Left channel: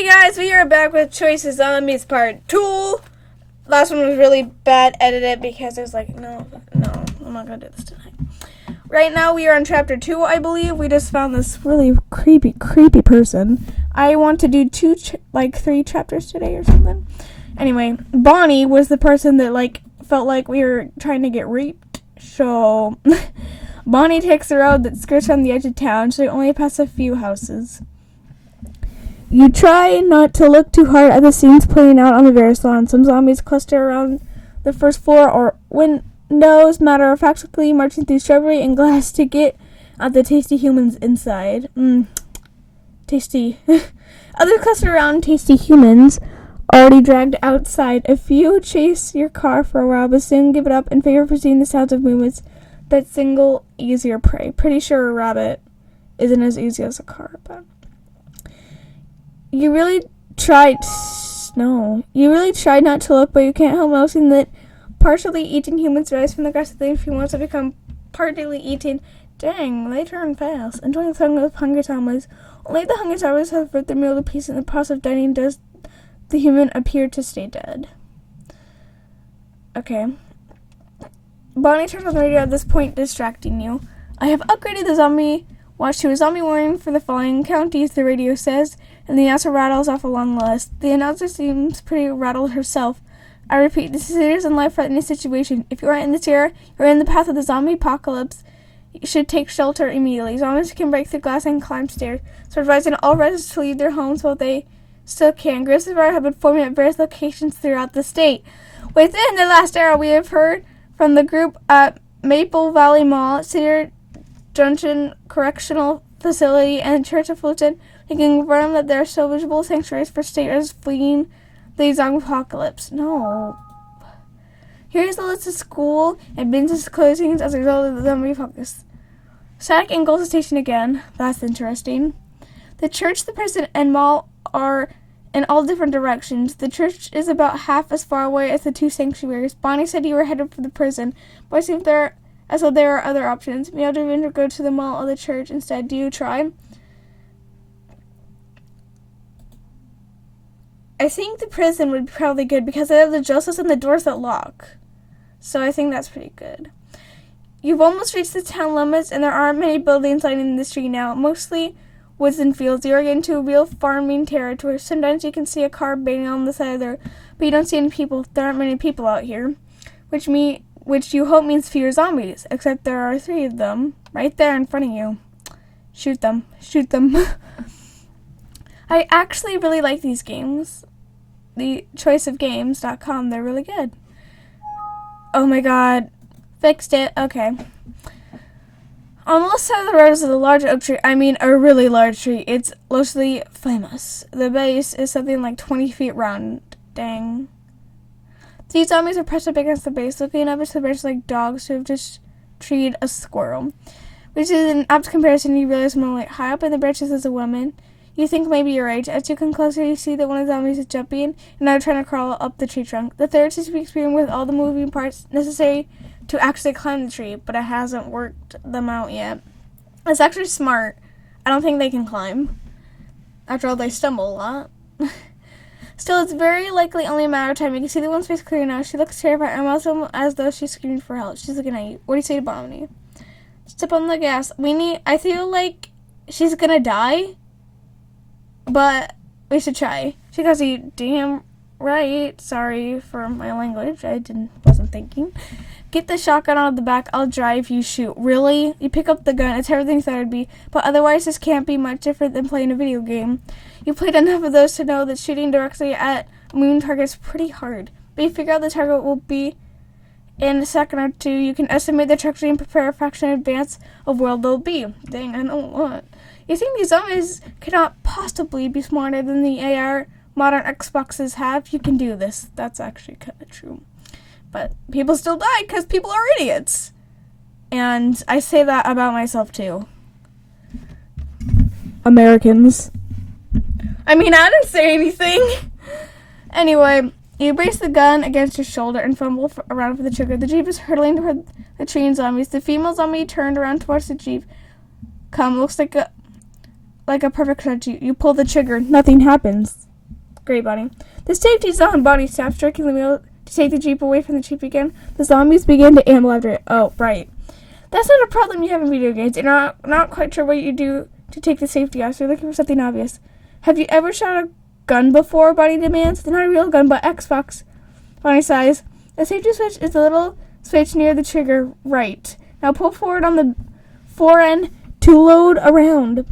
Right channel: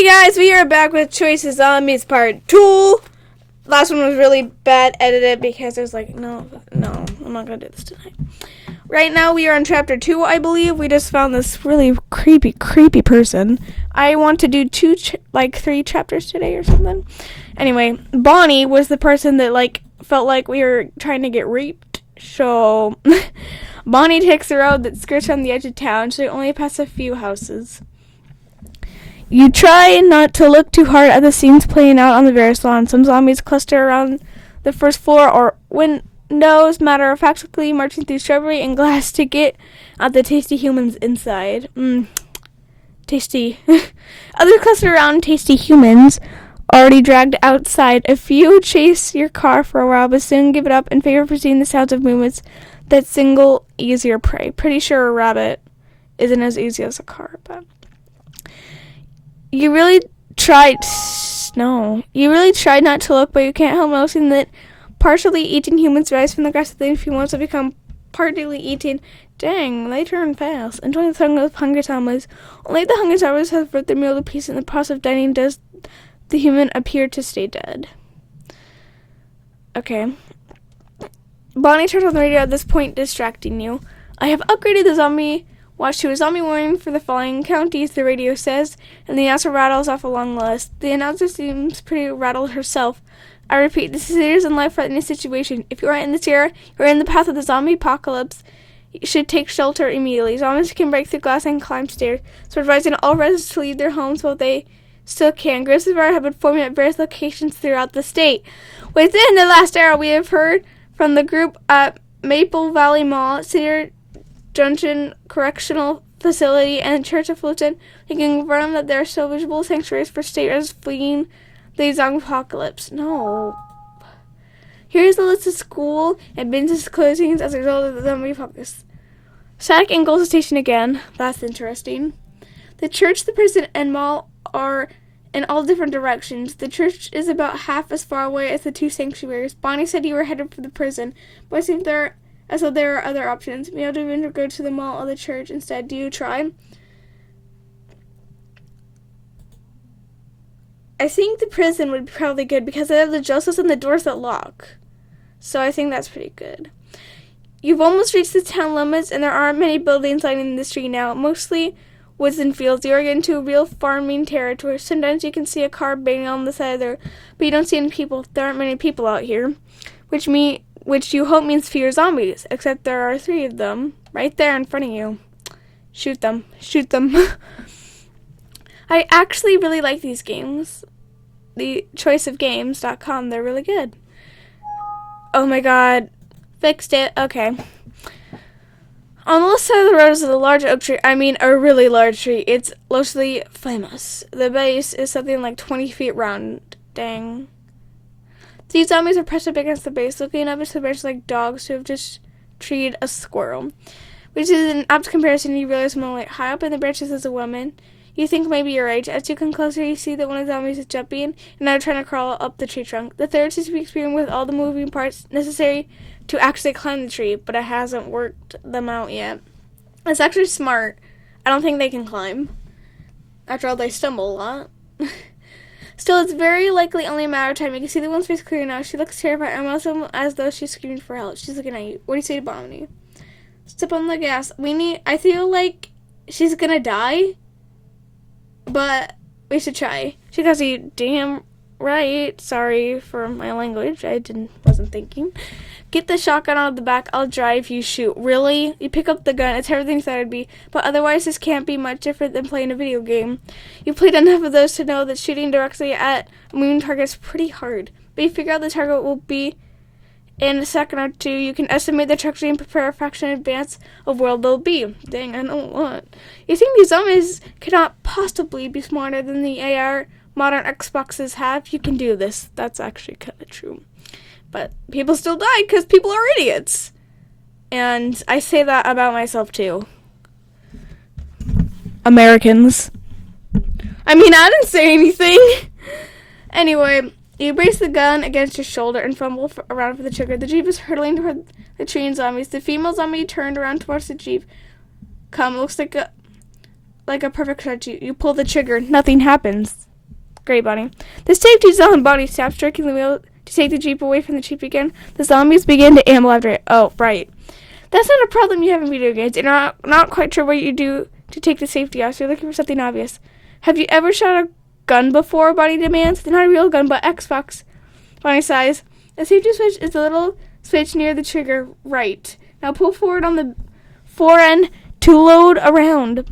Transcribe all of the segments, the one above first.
Hey guys, we are back with Choices Zombies Part 2. Last one was really bad edited because I was like, no, I'm not gonna do this tonight. Right now we are on Chapter 2, I believe. We just found this really creepy person. I want to do 3 chapters today or something. Anyway, Bonnie was the person that felt like we were trying to get raped. So, Bonnie takes the road that skirts around the edge of town, so they only pass a few houses. You try not to look too hard at the scenes playing out on the various lawns. Some zombies cluster around the first floor or windows, matter-of-factly marching through shrubbery and glass to get at the tasty humans inside. Tasty. Others cluster around tasty humans already dragged outside. A few chase your car for a while, but soon give it up in favor of pursuing the sounds of movements that single easier prey. Pretty sure a rabbit isn't as easy as a car, but... You really tried not to look, but you can't help noticing that partially eating humans rise from the grass within a few months have become partly eating. Dang, they turn fast. Enjoying the song of hungry zombies. Only the hungry zombies have their meal of peace. In the process of dining does the human appear to stay dead. Okay. Bonnie turns on the radio at this point, distracting you. I have upgraded the zombie watch to a zombie warning for the following counties, the radio says, and the announcer rattles off a long list. The announcer seems pretty rattled herself. I repeat, this is a serious and life-threatening situation. If you are in this area, you are in the path of the zombie apocalypse. You should take shelter immediately. Zombies can break through glass and climb stairs, so advising all residents to leave their homes while they still can. Groups of fire have been forming at various locations throughout the state. Within the last hour, we have heard from the group at Maple Valley Mall, Cedar Junction Correctional Facility, and Church of Fulton. We can confirm that there are still visible sanctuaries for state residents fleeing the zombie apocalypse. No. Here's the list of school and business closings as a result of the zombie apocalypse. Static and Gold Station again. That's interesting. The church, the prison, and mall are in all different directions. The church is about half as far away as the two sanctuaries. Bonnie said you were headed for the prison, but I think there are other options. We have to go to the mall or the church instead. Do you try? I think the prison would be probably good because they have the justice and the doors that lock. So I think that's pretty good. You've almost reached the town limits and there aren't many buildings lining the street now. Mostly woods and fields. You're into real farming territory. Sometimes you can see a car banging on the side of there, but you don't see any people. There aren't many people out here, which you hope means fewer zombies, except there are 3 of them right there in front of you. Shoot them. I actually really like these games. The choiceofgames.com, they're really good. Oh my god. Fixed it. Okay. On the left side of the road is a large oak tree. I mean, a really large tree. It's largely famous. The base is something like 20 feet round. Dang. These zombies are pressed up against the base, looking up at the branches like dogs who have just treed a squirrel. Which is an apt comparison. You realize more like high up in the branches is a woman. You think maybe you're right. As you come closer, you see that one of the zombies is jumping and now trying to crawl up the tree trunk. The third seems to be experiencing with all the moving parts necessary to actually climb the tree, but it hasn't worked them out yet. It's actually smart. I don't think they can climb. After all, they stumble a lot. Still, it's very likely only a matter of time. You can see the one's face clear now. She looks terrified and also as though she's screaming for help. She's looking at you. What do you say to Bonnie? Step on the gas. I feel like she's gonna die, but we should try. She goes, you damn right. Sorry for my language. Wasn't thinking. Get the shotgun out of the back. I'll drive, you shoot. Really? You pick up the gun. It's everything you thought it'd be. But otherwise, this can't be much different than playing a video game. You played enough of those to know that shooting directly at a moving target is pretty hard. But you figure out the target will be in a second or 2. You can estimate the trajectory and prepare a fraction in advance of where they'll be. Dang, I know a lot. You think these zombies cannot possibly be smarter than the AR modern Xboxes have? You can do this. That's actually kind of true. But people still die because people are idiots. And I say that about myself too. Americans. I mean, I didn't say anything. Anyway, you brace the gun against your shoulder and fumble around for the trigger. The Jeep is hurtling toward the train zombies. The female zombie turned around towards the Jeep. Looks like a perfect shot. You pull the trigger. Nothing happens. Great, Bonnie. The safety zone. Bonnie stops jerking the wheel to take the Jeep away from the Jeep again. The zombies begin to amble after it. Oh, right. That's not a problem you have in video games. You're not quite sure what you do to take the safety off, so you're looking for something obvious. Have you ever shot a gun before? Bonnie demands. Not a real gun, but Xbox. Bonnie sighs. The safety switch is the little switch near the trigger, right. Now pull forward on the fore end to load around.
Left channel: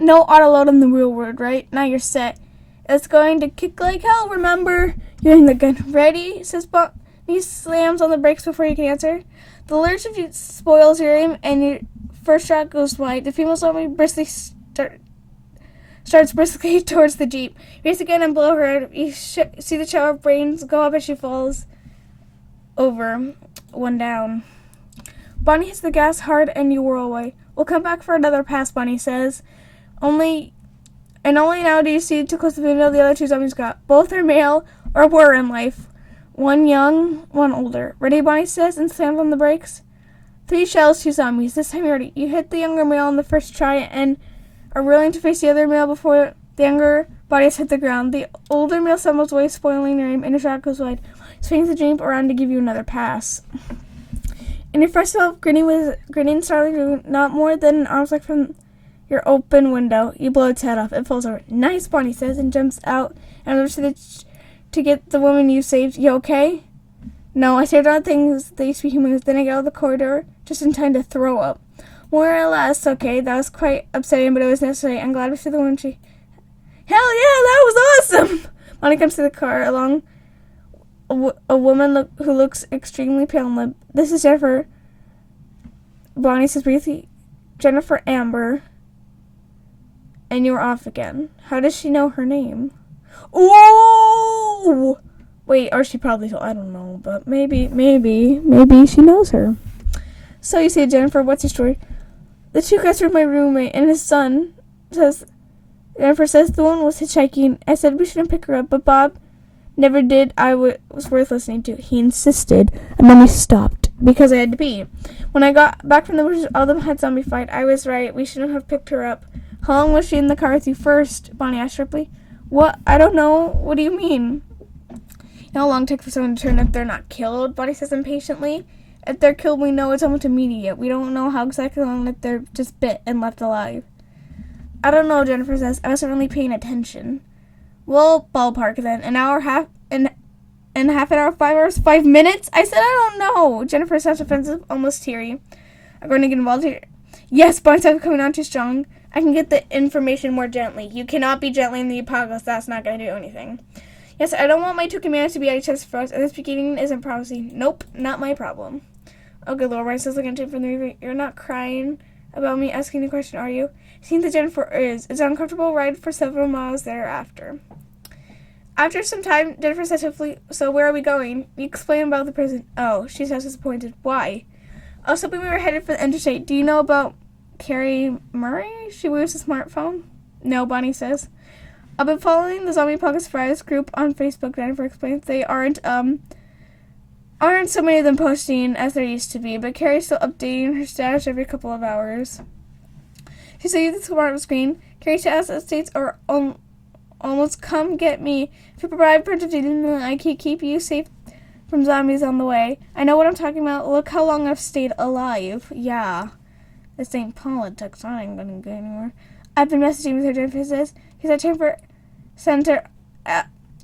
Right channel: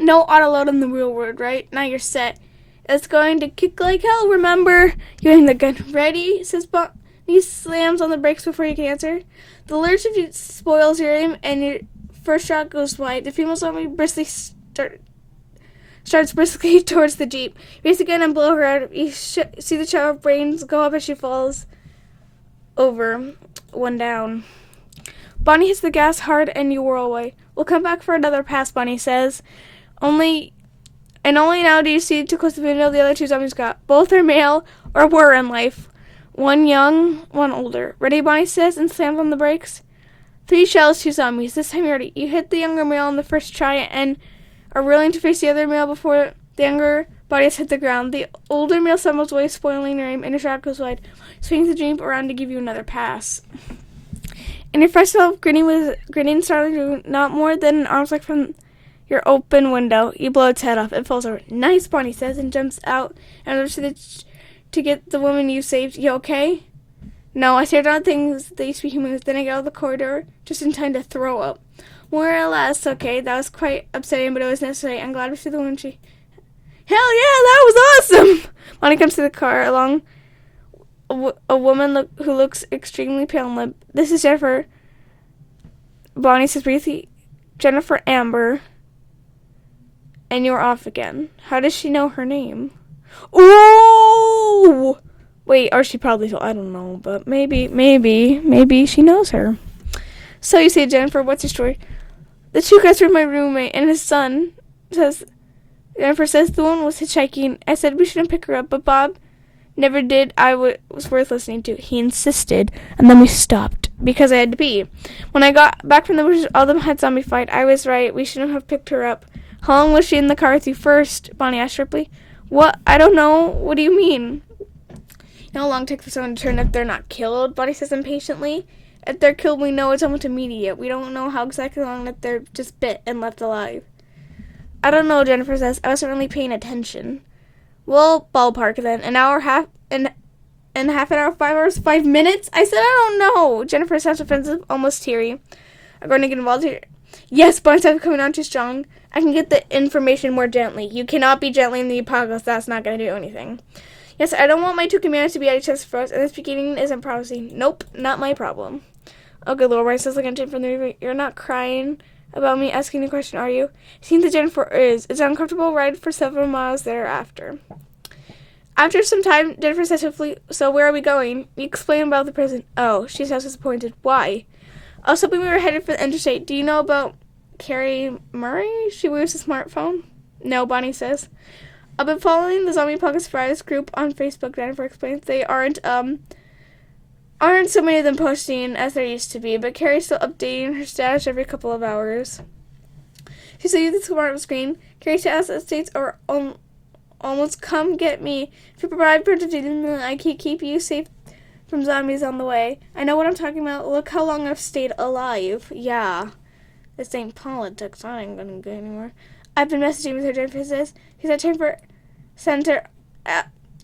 No auto load in the real world, right? Now you're set. It's going to kick like hell, remember? You aim the gun. Ready? Says Bonnie. He slams on the brakes before you can answer. The lurch of you spoils your aim, and your first shot goes wide. The female zombie starts briskly towards the Jeep. You race the gun and blow her out. You see the child brains go up as she falls over, one down. Bonnie hits the gas hard, and you whirl away. We'll come back for another pass, Bonnie says. Only now do you see too close to the window the other two zombies got. Both are male, or were in life. One young, one older. Ready, Bonnie says, and slams on the brakes. 3 shells, 2 zombies. This time you're ready. You hit the younger male on the first try and are willing to face the other male before the younger bodies hit the ground. The older male stumbles away, spoiling your aim, and your shot goes wide. Swings the Jeep around to give you another pass. And your first self, grinning started not more than an arm's length from your open window. You blow its head off. It falls over. Nice, Bonnie says, and jumps out and over to get the woman you saved. You okay? No, I stared down things that used to be humans. Then I got out of the corridor just in time to throw up. More or less, okay. That was quite upsetting, but it was necessary. I'm glad we see the woman she... Hell yeah, that was awesome! Bonnie comes to the car along a woman who looks extremely pale and limp. This is Jennifer. Bonnie says briefly, Jennifer Amber. And you're off again. How does she know her name? Ooh! Wait, or she probably, I don't know, but maybe she knows her. So you say, Jennifer, what's your story? The 2 guys were my roommate, and his son says, Jennifer says the woman was hitchhiking. I said we shouldn't pick her up, but Bob never did. Was worth listening to. He insisted, and then we stopped, because I had to pee. When I got back from the bushes, all of them had zombie fight. I was right. We shouldn't have picked her up. How long was she in the car with you first? Bonnie asked sharply. What? I don't know. What do you mean? You know how long it takes for someone to turn if they're not killed? Bonnie says impatiently. If they're killed, we know it's almost immediate. We don't know how exactly long if they're just bit and left alive. I don't know, Jennifer says. I wasn't really paying attention. Well, ballpark then. An hour, half an hour, 5 hours, 5 minutes? I said I don't know. Jennifer sounds offensive, almost teary. I'm going to get involved here. Yes, Bonnie's not coming on too strong. I can get the information more gently. You cannot be gently in the apocalypse. That's not going to do anything. Yes, I don't want my 2 companions to be at each other's throats, and this beginning isn't prophecy. Nope, not my problem. Oh, good Lord, Bonnie says, looking at Jen from the river. You're not crying about me asking the question, are you? It seems that Jennifer is. It's an uncomfortable ride for several miles thereafter. After some time, Jennifer says hopefully, so where are we going? You explain about the prison. Oh, she sounds disappointed. Why? I was hoping we were headed for the interstate. Do you know about Carrie Murray? She wears a smartphone? No, Bonnie says. I've been following the Zombie Apocalypse Fridays group on Facebook, Jennifer explains. They aren't so many of them posting as there used to be, but Carrie's still updating her status every couple of hours. She sees the smart screen. Carrie's status updates are almost come get me. If you provide protection, I can keep you safe from zombies on the way. I know what I'm talking about. Look how long I've stayed alive. Yeah. This ain't politics. I ain't gonna go anywhere. I've been messaging with her, Jennifer says. He's at Chamber Center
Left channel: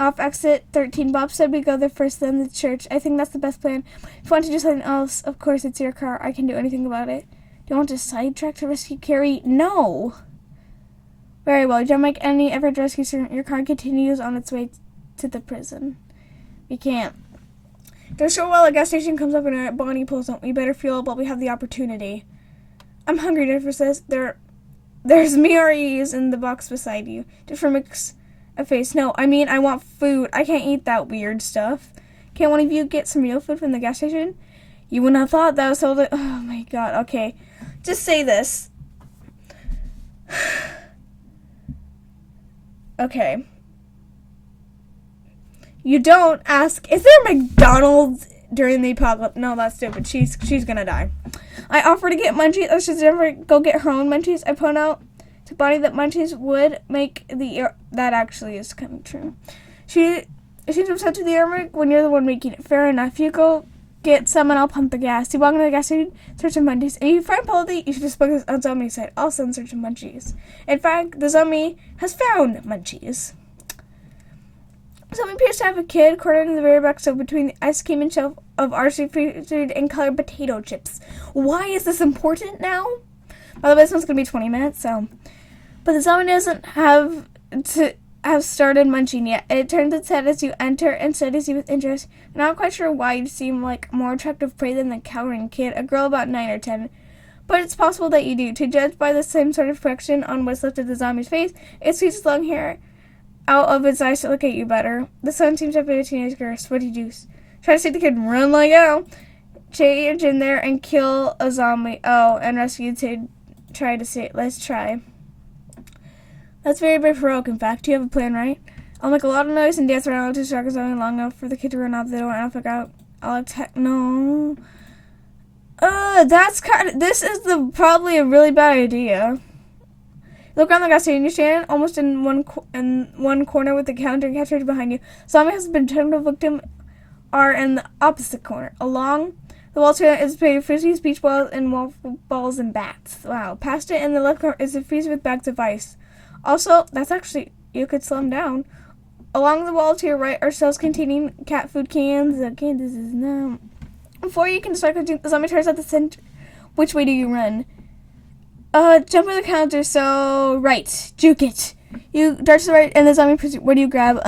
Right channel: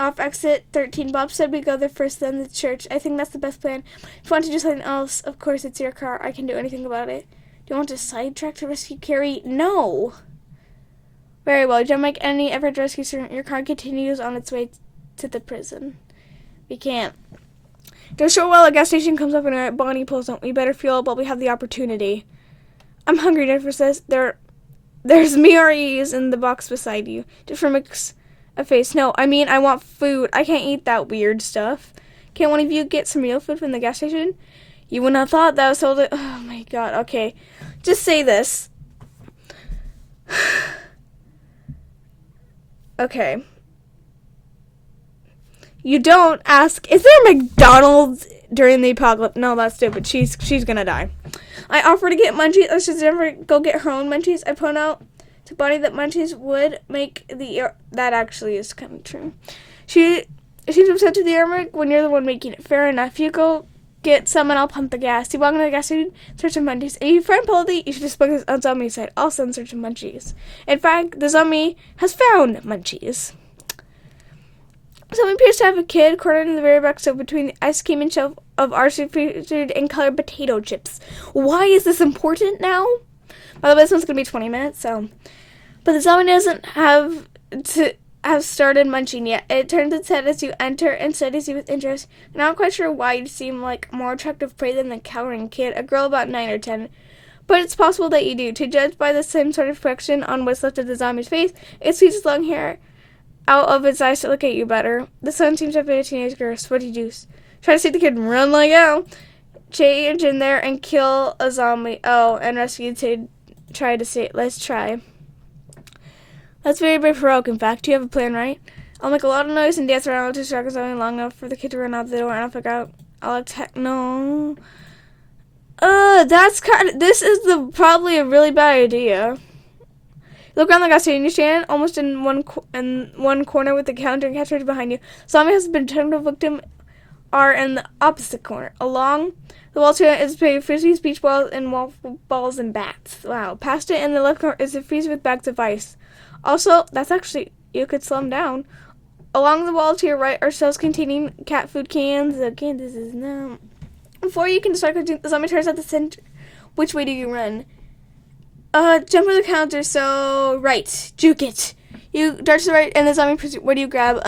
off exit 13. Bob said we go there first, then the church. I think that's the best plan. If you want to do something else, of course it's your car. I can do anything about it. Do you want to sidetrack to rescue Carrie? No. Very well. Don't make any effort to rescue her. Your car continues on its way to the prison. We can't. To a short while, a gas station comes up and our Bonnie pulls up. We better fuel up while we have the opportunity. I'm hungry, Jennifer says. There's MREs in the box beside you. Jennifer makes a face. No, I mean, I want food. I can't eat that weird stuff. Can't one of you get some real food from the gas station? You wouldn't have thought that was sold it. Oh my god. Okay. Just say this. Okay. You don't ask, is there a McDonald's during the apocalypse? No, that's stupid. She's gonna die. I offer to get munchies. Let's just never go get her own munchies. I point out to Bonnie that munchies would make the ear. That actually is kind of true. She's upset to the airmark when you're the one making it. Fair enough. You go get some and I'll pump the gas. You walk into the gas station, search some munchies. If you find Polly, you should just book on zombie site. Also in search of munchies. In fact, the zombie has found munchies. Someone appears to have a kid cornered in the very back, so between the ice cream and shelf of RC featured and colored potato chips. Why is this important now? By the way, this one's gonna be 20 minutes, so. But the zombie doesn't have started munching yet. It turns its head as you enter and studies you with interest. You're not quite sure why you seem like more attractive prey than the cowering kid, a girl about 9 or 10. But it's possible that you do. To judge by the same sort of expression on what's left of the zombie's face, it squeezes its long hair out of its eyes to look at you better. The son seems to have been a teenage girl. Sweaty juice. Try to see the kid run like hell. Change in there and kill a zombie. Oh, and rescue to try to see. Let's try. That's very brave heroic, in fact. You have a plan, right? I'll make a lot of noise and dance around to distract a zombie long enough for the kid to run out the door and I'll figure out. I'll attack. No. That's kind of. This is probably a really bad idea. Look around the gas station. You stand almost in one corner with the counter and catchers behind you. Zombie has been turned to victim are in the opposite corner. Along the wall to it is paved frisbees, beach balls, and wall balls and bats. Wow. Past it in the left corner is a freezer with bags of ice. Also, that's actually, you could slow them down. Along the wall to your right are shelves containing cat food cans. Okay, this is no. Before you can start, the zombie tries at the center. Which way do you run? Jump on the counter, so right. Juke it. You dart to the right, and the zombie pursues. Where do you grab?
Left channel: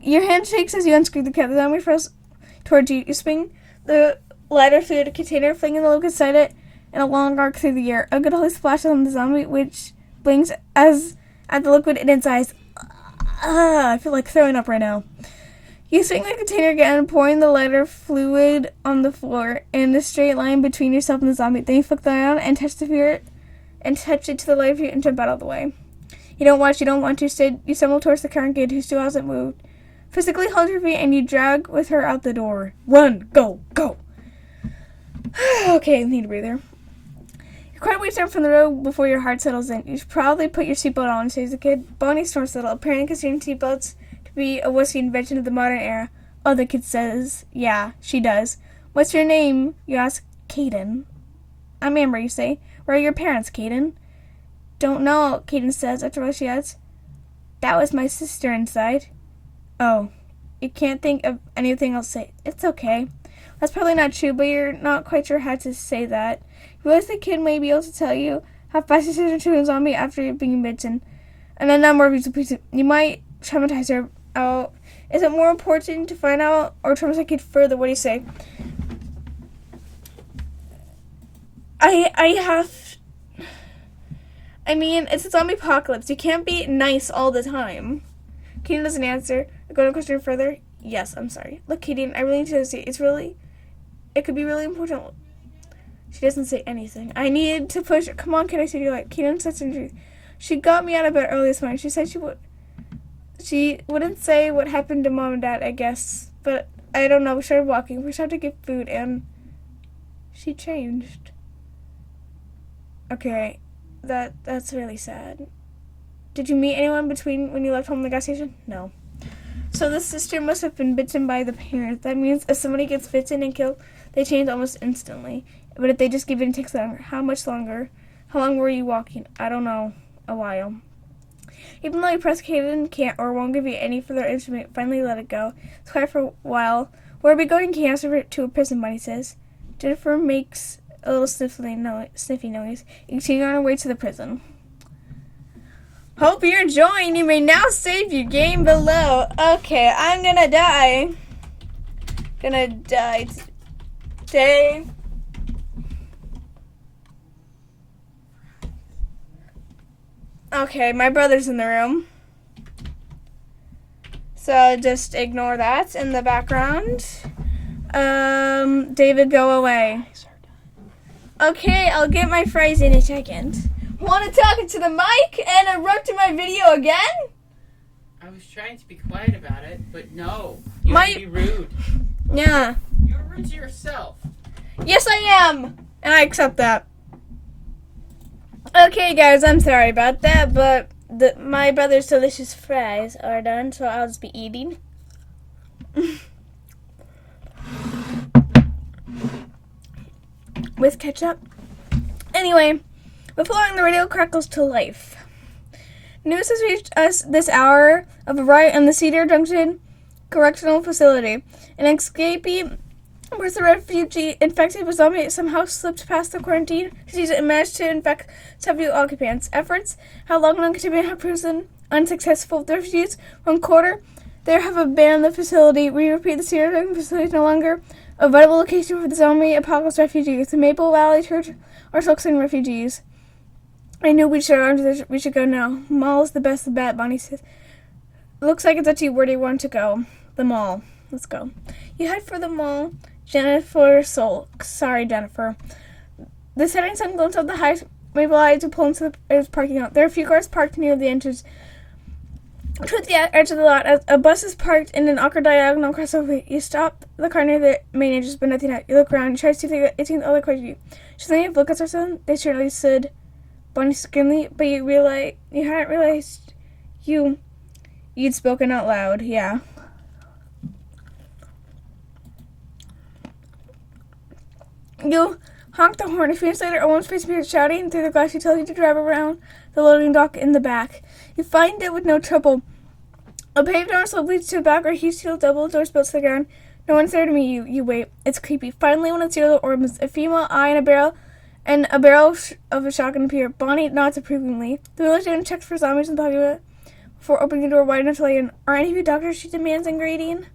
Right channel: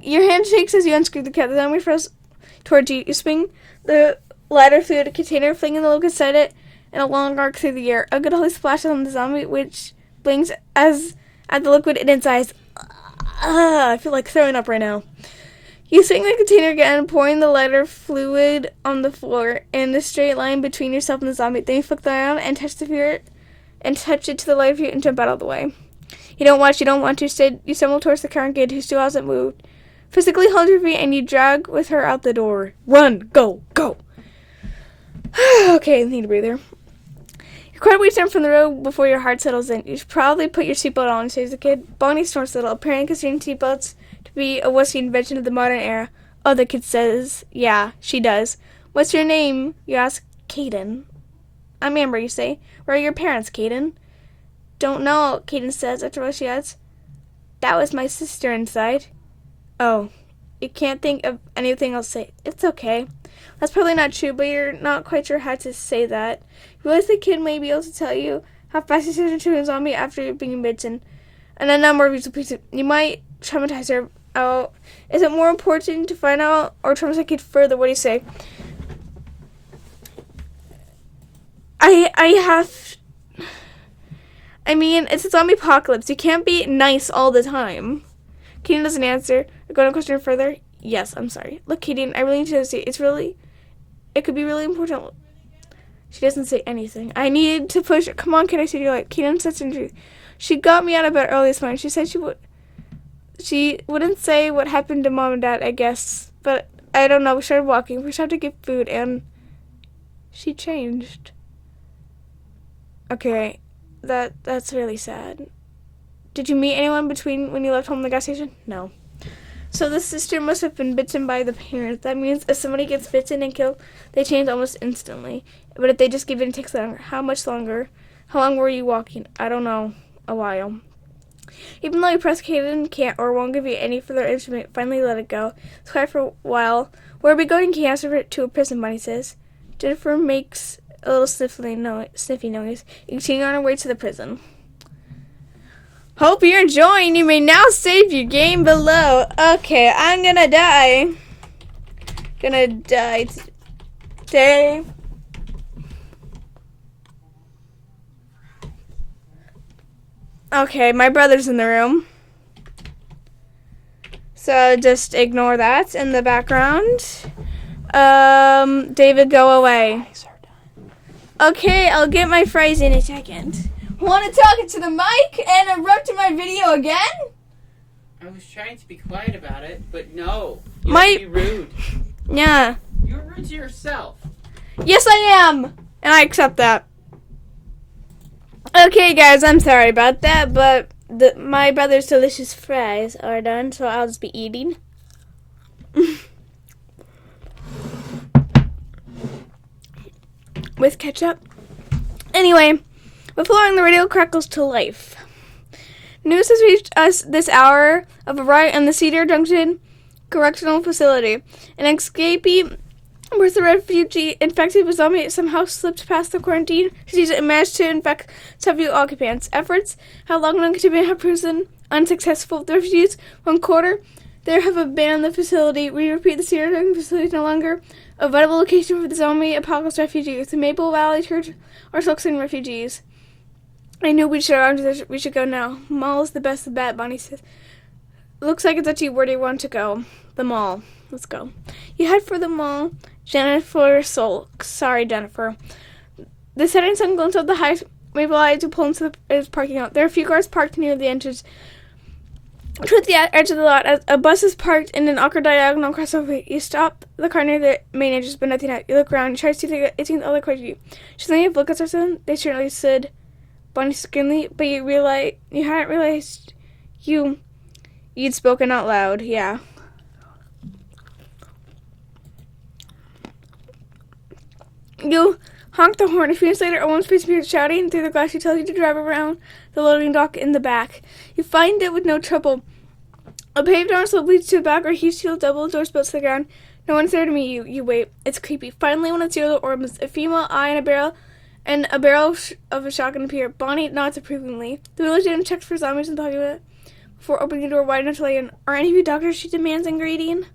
Your hand shakes as you unscrew the cat. The zombie throws towards you. You swing the ladder through the container, flinging the look inside it in a long arc through the air. A good holy splash on the zombie, which blinks as at the liquid in its eyes. I feel like throwing up right now. You swing the container again, pouring the lighter fluid on the floor in a straight line between yourself and the zombie. Then you flick them around and touch it to the light view and jump out of the way. You don't want to. Instead, you stumble towards the current kid who still hasn't moved. Physically hold your feet and you drag with her out the door. Run! Go! Go! Okay, need a breather. You're quite a ways down from the road before your heart settles in. You should probably put your seatbelt on, says the kid. Bonnie snorts a little, apparently considering seatbelts be a wussy invention of the modern era. Oh, the kid says, yeah, she does. What's your name? You ask. Caden. I'm Amber, you say. Where are your parents, Caden? Don't know, Caden says, after what she adds. That was my sister inside. Oh, you can't think of anything else to say. It's okay. That's probably not true, but you're not quite sure how to say that. You realize the kid may be able to tell you how fast you turn into a zombie after being bitten. And a number of you might traumatize her. Oh, is it more important to find out or traumatize the kid further? What do you say? I mean, it's a zombie apocalypse. You can't be nice all the time. Kaden doesn't answer. Going to question further? Yes, I'm sorry. Look, Kaden, I really need to say it could be really important. She doesn't say anything. I need to push her. Come on, can I see your light? Kaden says the truth. She got me out of bed early this morning. She said she wouldn't say what happened to Mom and Dad, I guess. But I don't know. We started walking. We started to get food, and she changed. Okay, that's really sad. Did you meet anyone between when you left home and the gas station? No. So the sister must have been bitten by the parent. That means if somebody gets bitten and killed, they change almost instantly. But if they just give in, it takes longer. How much longer? How long were you walking? I don't know. A while. Even though you press Kaden can't or won't give you any further instrument, finally let it go. It's quiet for a while. Where are we going? Can you answer to a prison, Bonnie says. Jennifer makes a little sniffy noise. You continue on our way to the prison. Hope you're enjoying. You may now save your game below. Okay, I'm gonna die. Gonna die today. Okay, my brother's in the room. So just ignore that in the background. David, go away. Okay, I'll get my phrase in a second. Want to talk into the mic and interrupt my video again? I was trying to be quiet about it, but no. You have to be rude. Yeah. You're rude to yourself. Yes, I am. And I accept that. Okay, guys, I'm sorry about that, but my brother's delicious fries are done, so I'll just be eating. With ketchup. Anyway, before the radio crackles to life. News has reached us this hour of a riot in the Cedar Junction Correctional Facility. An escapee was a refugee infected with zombie somehow slipped past the quarantine disease and managed to infect several occupants. Efforts have long been continuing to prison unsuccessful. The refugees, one quarter, there have abandoned the facility. We repeat, the Cedar Junction facility is no longer a vital location for the zombie apocalypse refugees. The Maple Valley Church are focusing on refugees. I knew we should go now. Mall is the best bet, Bonnie says. Looks like it's up to you. Where do you want to go? The mall. Let's go. You head for the mall. Jennifer sulks. Sorry, Jennifer. The setting sun glints off the high Maple Alley to pull into the parking lot. There are a few cars parked near the entrance. Towards the edge of the lot, as a bus is parked in an awkward diagonal crossover. You stop the car near the main entrance, but nothing out. You look around. You try to see the 18th other car you. She's letting you look at something. They surely said, Bonnie screamed, but you hadn't realized you'd spoken out loud. Yeah. You honk the horn. A few minutes later, a woman's face appears shouting through the glass. She tells you to drive around the loading dock in the back. You find it with no trouble. A paved door slope leads to the back where a huge steel double doors built to the ground. No one's there to meet you. You wait. It's creepy. Finally, one of the zero orbs, a female eye and a barrel of a shotgun appear. Bonnie nods approvingly. The village agent checks for zombies in the populace before opening the door wide enough to let you in. Are any of you doctors? She demands in greeting.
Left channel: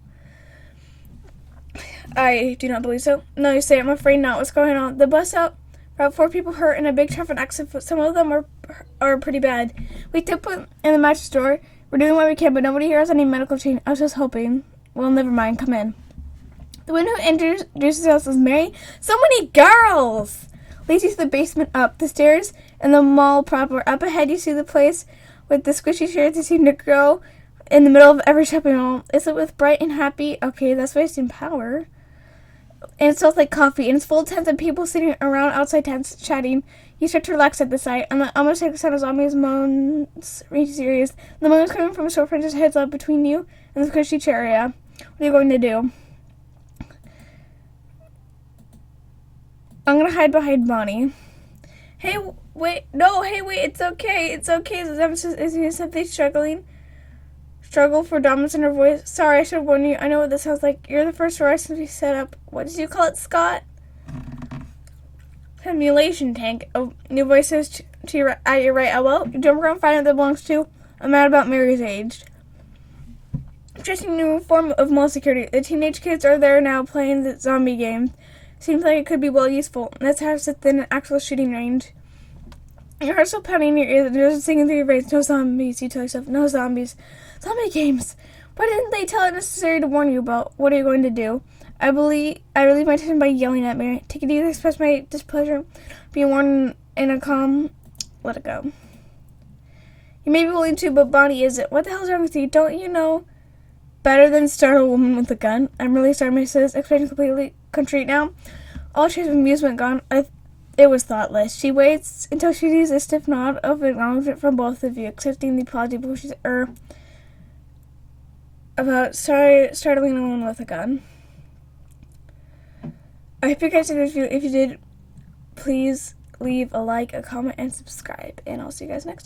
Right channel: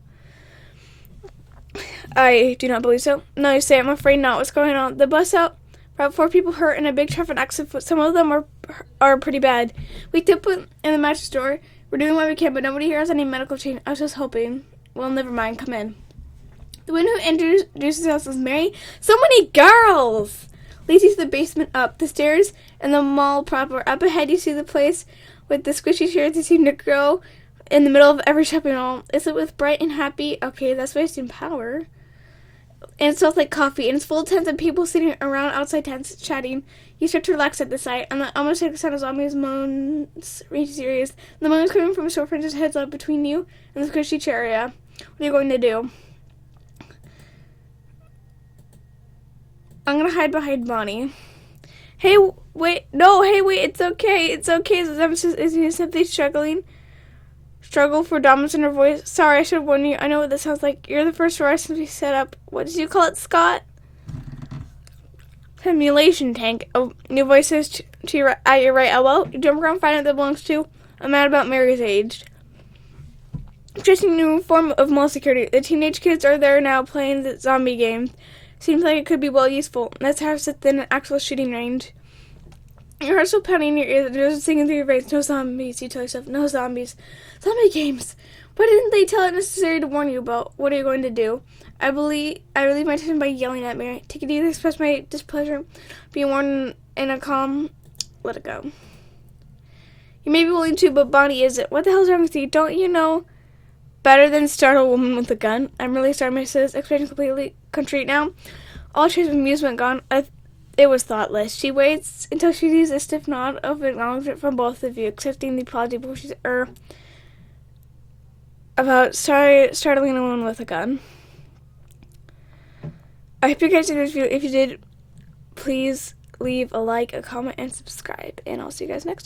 I do not believe so. No, you say, I'm afraid not. What's going on? The bus out. About 4 people hurt in a big traffic accident. Some of them are pretty bad. We did put in the mattress store. We're doing what we can, but nobody here has any medical training. I was just hoping. Well, never mind. Come in. The woman who introduces herself is Mary. So many girls! Leads you to the basement, up the stairs, and the mall proper. Up ahead, you see the place with the squishy chairs that seem to grow in the middle of every shopping mall. Is it with bright and happy? Okay, that's wasting power. And it smells like coffee, and it's full of tents and people sitting around outside tents chatting. You start to relax at the sight, and almost like the sound of zombies moans reach serious. The moan is coming from a storefront just heads up between you and the squishy chair area. What are you going to do? I'm gonna hide behind Bonnie. Hey, wait, it's okay. It's okay. Is simply struggle for dominance in her voice. Sorry, I should warn you. I know what this sounds like. You're the first arrest to be set up. What did you call it, Scott? Simulation tank. Oh, your voice says at your right elbow. You jump around, find out that belongs to a man about Mary's age. Just a new form of mall security. The teenage kids are there now playing the zombie game. Seems like it could be well useful. Let's have sit in an actual shooting range. Your heart's still pounding in your ears. There's singing through your veins. No zombies. You tell yourself, no zombies. Zombie games. Why didn't they tell it necessary to warn you about? What are you going to do? I relieve my tension by yelling at Mary. Take it easy to express my displeasure. Be warned in a calm. Let it go. You may be willing to, but Bonnie isn't. What the hell's wrong with you? Don't you know better than startle a woman with a gun? I'm really sorry, my sis. Expression completely contrite now. All trace of amusement gone. It was thoughtless. She waits until she sees a stiff nod of acknowledgement from both of you, accepting the apology before she's about startling a woman with a gun. I hope you guys did this video. If you did, please leave a like, a comment, and subscribe. And I'll see you guys next time.